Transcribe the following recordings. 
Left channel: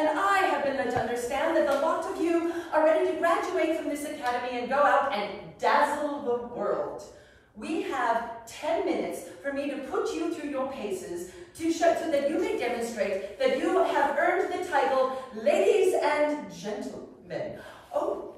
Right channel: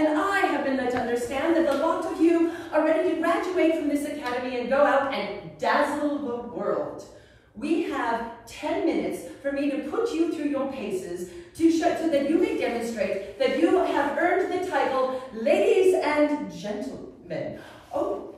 And I have been led to understand that the lot of you are ready to graduate from this academy and go out and dazzle the world. We have 10 minutes for me to put you through your paces to show, so that you may demonstrate that you have earned the title Ladies and Gentlemen. Oh,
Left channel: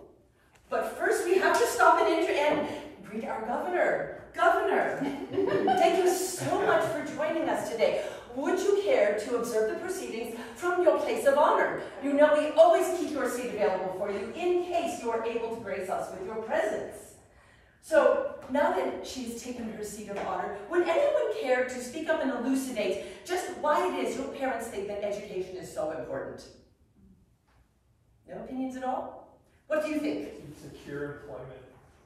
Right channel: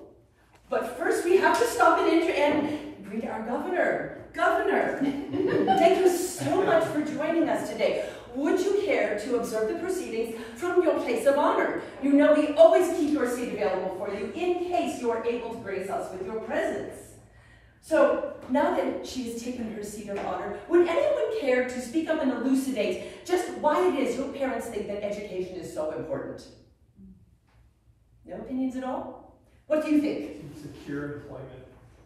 but first we have to stop and greet our governor. Governor, thank you so much for joining us today. Would you care to observe the proceedings from your place of honor? You know we always keep your seat available for you in case you are able to grace us with your presence. So now that she's taken her seat of honor, would anyone care to speak up and elucidate just why it is your parents think that education is so important? No opinions at all? What do you think? To secure employment.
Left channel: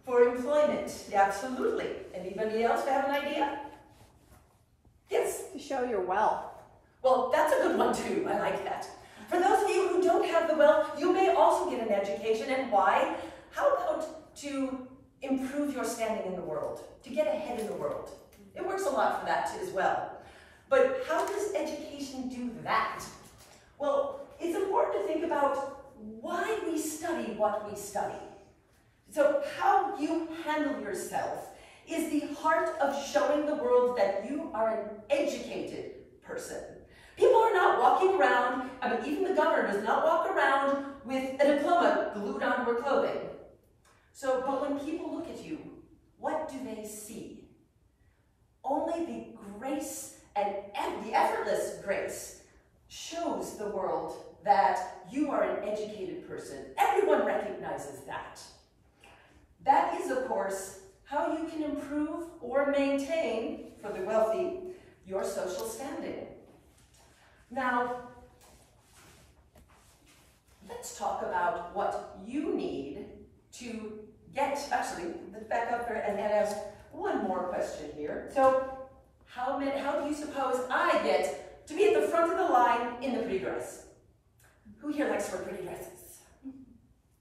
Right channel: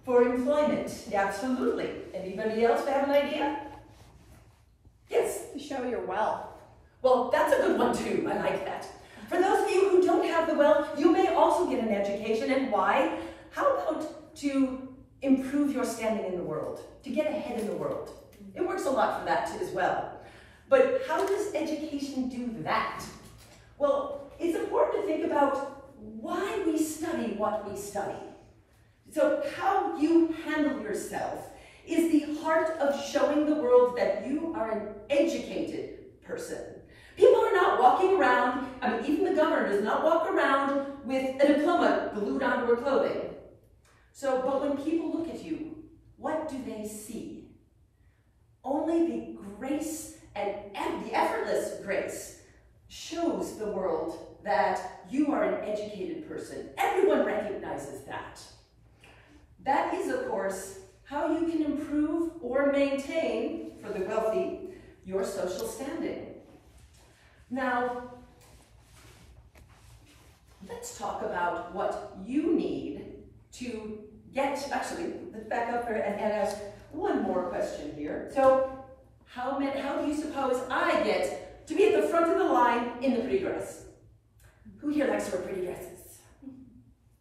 For employment, absolutely. Anybody else have an idea? Yes? To show your wealth. Well, that's a good one too. I like that. For those of you who don't have the wealth, you may also get an education. And why? How about to improve your standing in the world, to get ahead in the world? It works a lot for that as well. But how does education do that? Well, it's important to think about why we study what we study. So how you handle yourself is the heart of showing the world that you are an educated person. People are not walking around, I mean, even the governor does not walk around with a diploma glued onto her clothing. So, but when people look at you, what do they see? Only the grace and the effortless grace shows the world that you are an educated person. Everyone recognizes that. That is, of course, how you can improve or maintain, for the wealthy, your social standing. Now, let's talk about what you need to get, actually, let's back up there and ask one more question here. So, how do you suppose I get to be at the front of the line in the pretty dress? Who here likes to wear pretty dresses?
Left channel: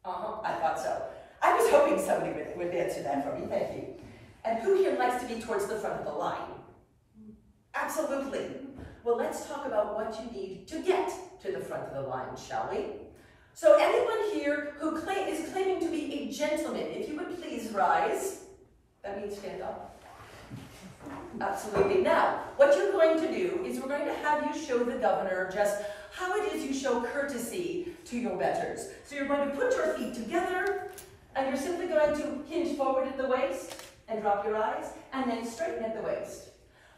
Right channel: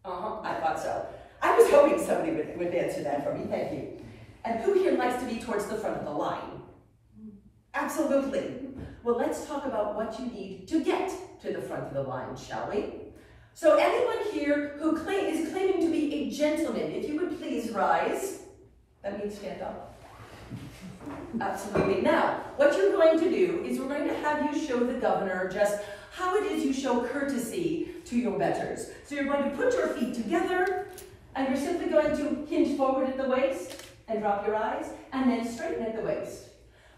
I thought so. I was hoping somebody would answer that for me, thank you. And who here likes to be towards the front of the line? Absolutely. Well, let's talk about what you need to get to the front of the line, shall we? So anyone here who is claiming to be a gentleman, if you would please rise. That means stand up. Absolutely. Now, what you're going to do is we're going to have you show the governor just how it is you show courtesy to your betters. So you're going to put your feet together, and you're simply going to hinge forward at the waist and drop your eyes, and then straighten at the waist.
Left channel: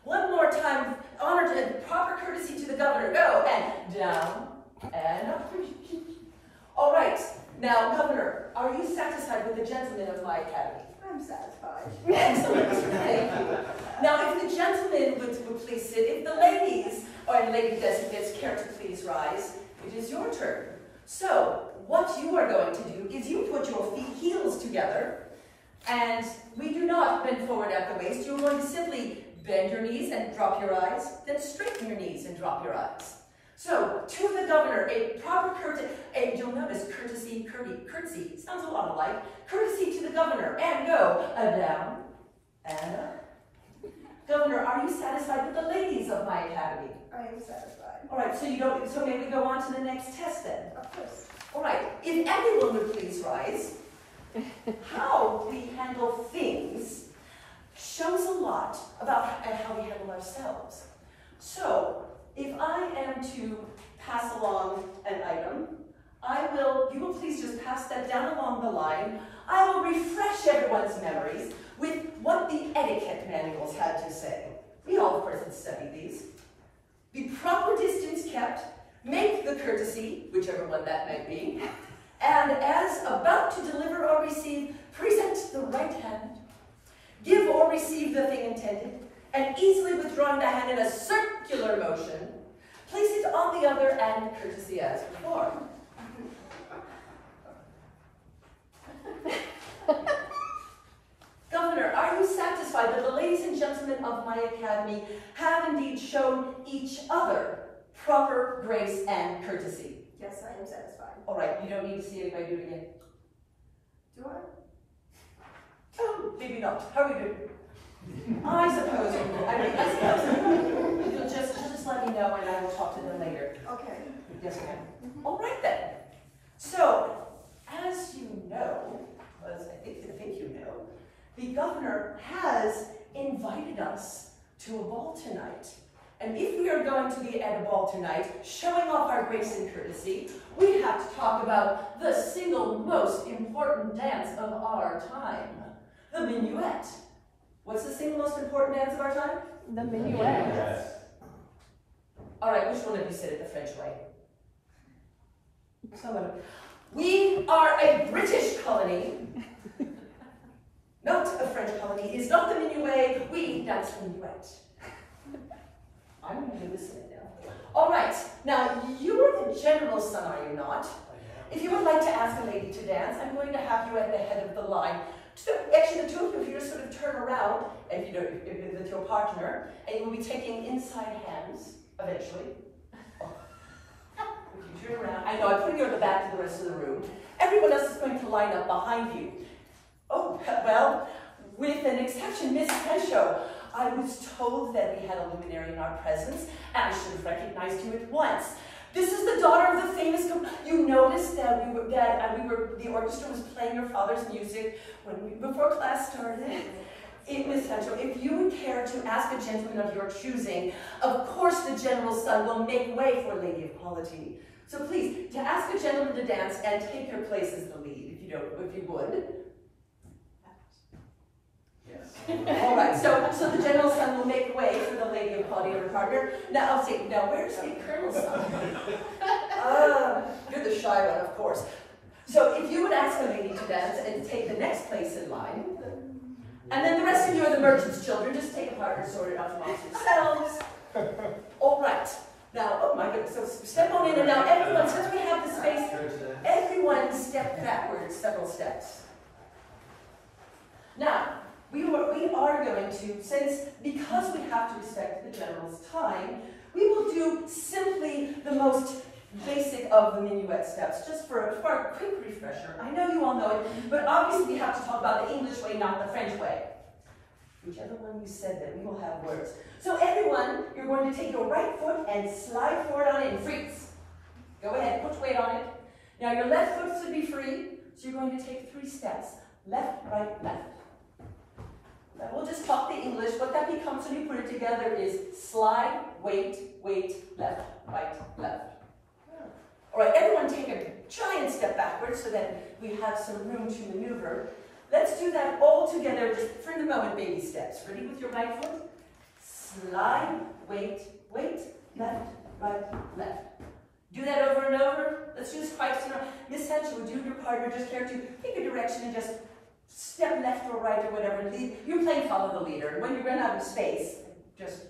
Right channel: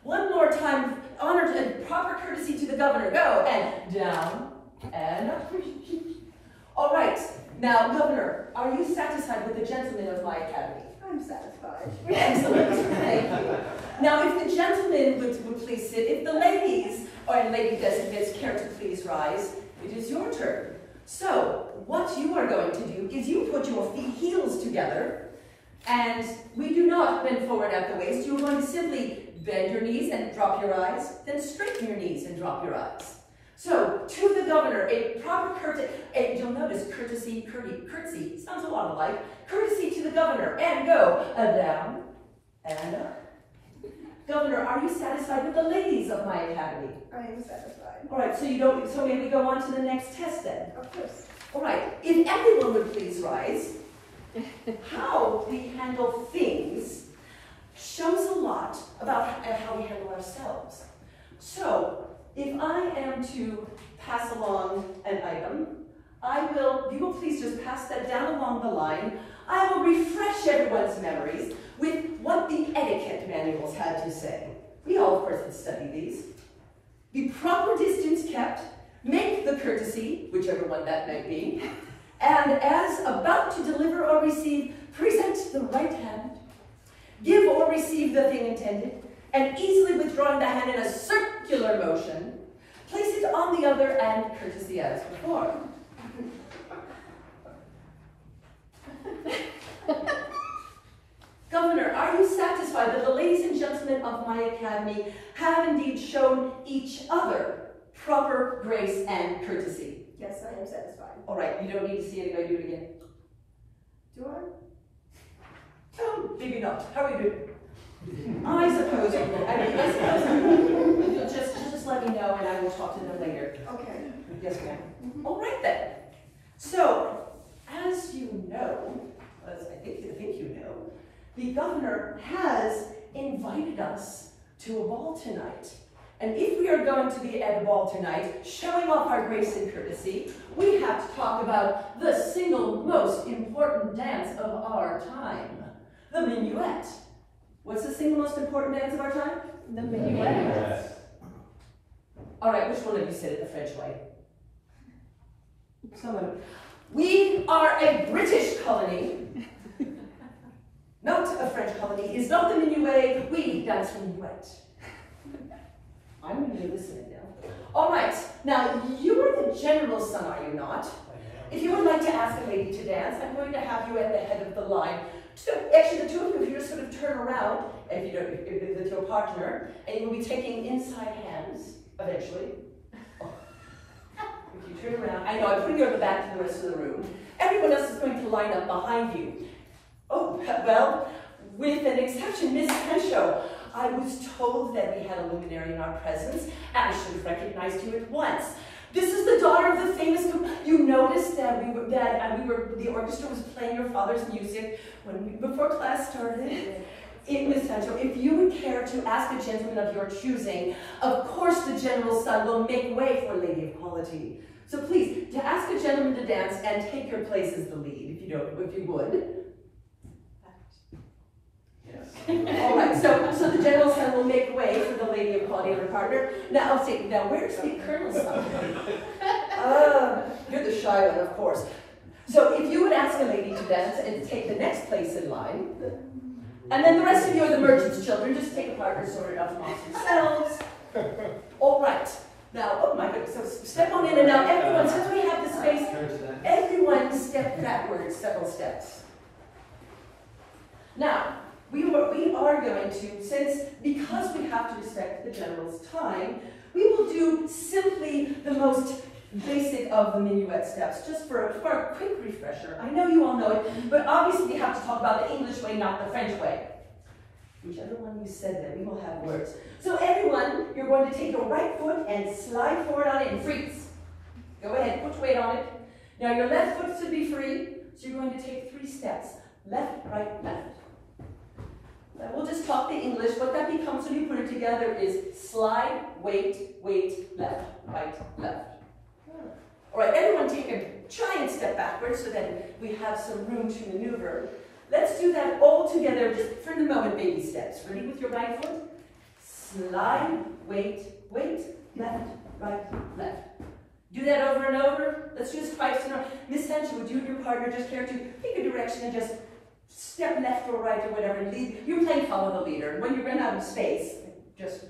One more time, honor and proper courtesy to the governor. Go, and down, and up. All right, now, Governor, are you satisfied with the gentlemen of my academy? I'm satisfied. Excellent, thank you. Now, if the gentlemen would please sit, if the ladies, or lady designates care to please rise, it is your turn. So, what you are going to do is you put your heels together, and we do not bend forward at the waist. You're going to simply bend your knees and drop your eyes, then straighten your knees and drop your eyes. So, to the governor, a proper courtesy, and you'll notice courtesy, curtsey, sounds a lot alike. Courtesy to the governor, and go, down, and up. Governor, are you satisfied with the ladies of my academy? I am satisfied. All right, so may we go on to the next test then? Of course. All right, if everyone would please rise. How we handle things shows a lot about how we handle ourselves. So, if I am to pass along an item, you will please just pass that down along the line. I will refresh everyone's memories with what the etiquette manuals had to say. We all, of course, have studied these. The proper distance kept, make the courtesy, whichever one that might be, and as about to deliver or receive, present the right hand, give or receive the thing intended, and easily withdrawing the hand in a circular motion, place it on the other and courtesy as before. Governor, are you satisfied that the ladies and gentlemen of my academy have indeed shown each other proper grace and courtesy? Yes, I am satisfied. All right, you don't need to see anybody do it again. Do I? Oh, maybe not. How are you doing? I suppose you will. I suppose you'll just let me know and I will talk to them later. Okay. Yes, ma'am. All right then. So, as you know, as I think you know, the governor has invited us to a ball tonight. And if we are going to be at a ball tonight, showing off our grace and courtesy, we have to talk about the single most important dance of our time, the minuet. What's the single most important dance of our time? The minuet. All right, which one of you said it the French way? Someone. We are a British colony, not a French colony. It is not the minuet. We dance the minuet. I'm going to be listening now. All right, now you are the general's son, are you not? If you would like to ask a lady to dance, I'm going to have you at the head of the line. So actually, the two of you, if you just sort of turn around, and if you don't, with your partner, and you will be taking inside hands eventually. Oh. If you turn around, I know, I'm putting you at the back to the rest of the room. Everyone else is going to line up behind you. Oh, well, with an exception, Miss Henshaw. I was told that we had a luminary in our presence, and I should have recognized you at once. This is the daughter of the famous. You noticed that the orchestra was playing your father's music before class started. Miss Sancho, if you would care to ask a gentleman of your choosing, of course the general's son will make way for a lady of quality. So please, to ask a gentleman to dance and take your place as the lead, if you would. All right, so the general's son will make way for the lady of quality and her partner. Now, I'll say, now where's the colonel's son? You're the shy one, of course. So if you would ask a lady to dance and take the next place in line, and then the rest of you are the merchant's children, just take a partner sorted out amongst yourselves. All right. Now, oh my goodness, so step on in, and now everyone, since we have the space, everyone step backwards several steps. Now, we are going to, because we have to respect the general's time, we will do simply the most basic of the minuet steps, just for a quick refresher. I know you all know it, but obviously we have to talk about the English way, not the French way. Whichever one you said there, we will have words. So everyone, you're going to take your right foot and slide forward on it and freeze. Go ahead, put weight on it. Now your left foot should be free, so you're going to take 3 steps. Left, right, left. Now we'll just talk the English. What that becomes when you put it together is slide, wait, left, right, left. All right, everyone take a giant step backwards so that we have some room to maneuver. Let's do that all together, just for the moment, baby steps. Ready with your right foot? Slide, wait, left, right, left. Do that over and over. Let's do this twice in a row. Miss Sanchez, would you and your partner just care to pick a direction and just step left or right or whatever. You're playing follow the leader. When you run out of space, just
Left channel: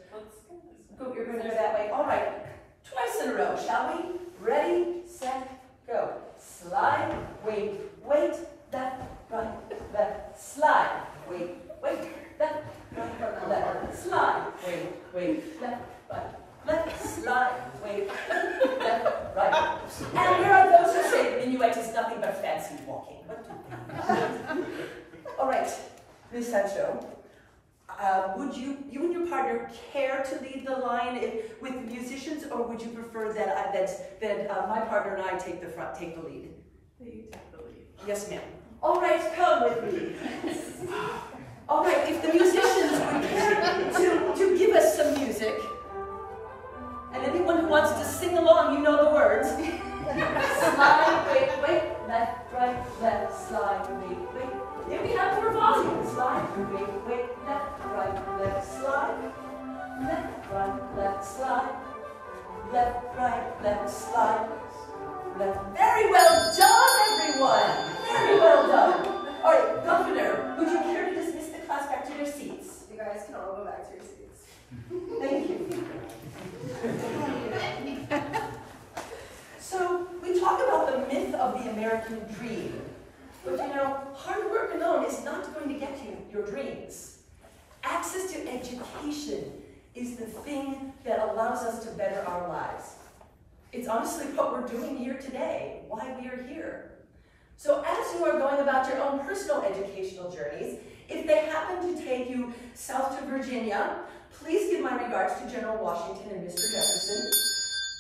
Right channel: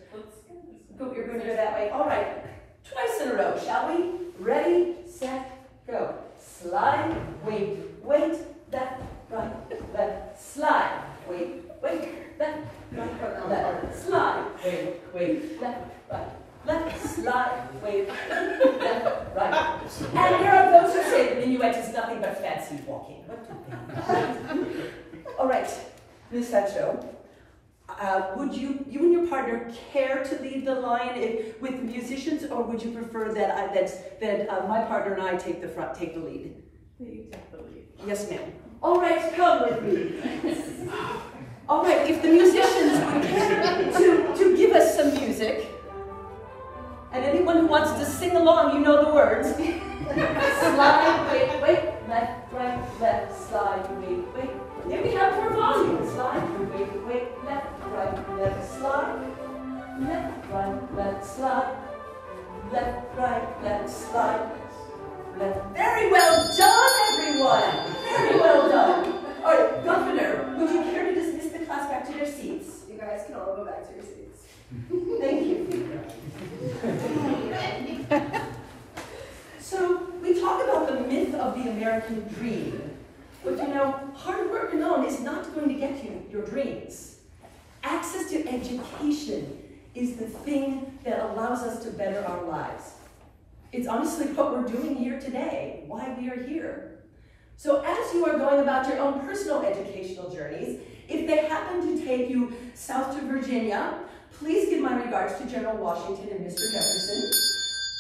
go, you're going to go that way. All right, twice in a row, shall we? Ready, set, go. Slide, wait, left, right, left, slide, wait, left, right, left, slide, wait, left, right, left, slide, wait, left, right. And there are those who say the minuet is nothing but fancy walking. What do they mean? All right, Miss Sancho, would you and your partner care to lead the line with the musicians, or would you prefer that my partner and I take the lead? You take the lead. Yes, ma'am. All right, come with me. All right, if the musicians would care to give us some music, and anyone who wants to sing along, you know the words. Slide, wait, left, right, left, slide, wait. If we have more volume, slide, wait, left, right, left, slide, left, right, left, slide, left, right, left, slide, left. Very well done, everyone. Very well done. All right, Governor, would you care to dismiss the class back to their seats? You guys can all go back to your seats. Thank you. So, we talk about the myth of the American dream. But you know, hard work alone is not going to get you your dreams. Access to education is the thing that allows us to better our lives. It's honestly what we're doing here today, why we are here. So as you are going about your own personal educational journeys, if they happen to take you south to Virginia, please give my regards to General Washington and Mr. Jefferson.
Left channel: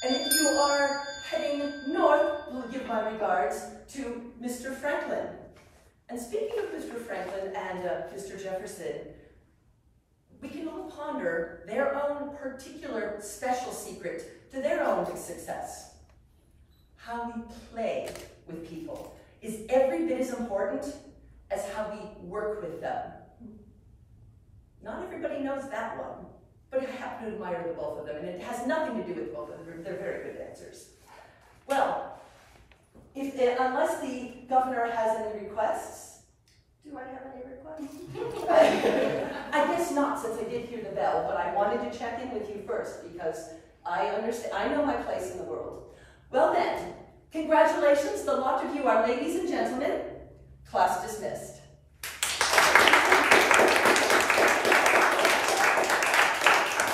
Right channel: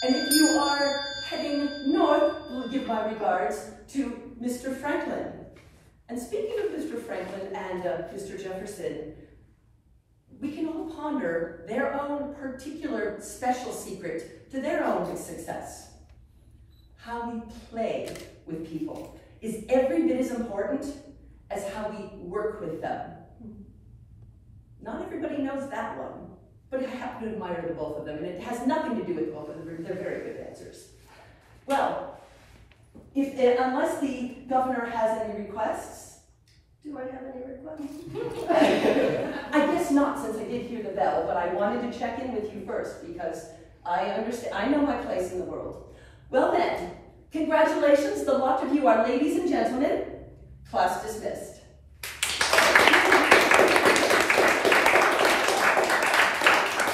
And if you are heading north, we'll give my regards to Mr. Franklin. And speaking of Mr. Franklin and Mr. Jefferson, we can all ponder their own particular special secret to their own success. How we play with people is every bit as important as how we work with them. Not everybody knows that one, but I happen to admire the both of them, and it has nothing to do with both of them. They're very good answers. Well, unless the governor has any requests. Do I have any requests? I guess not, since I did hear the bell, but I wanted to check in with you first because I know my place in the world. Well then, congratulations, the lot of you are ladies and gentlemen. Class dismissed.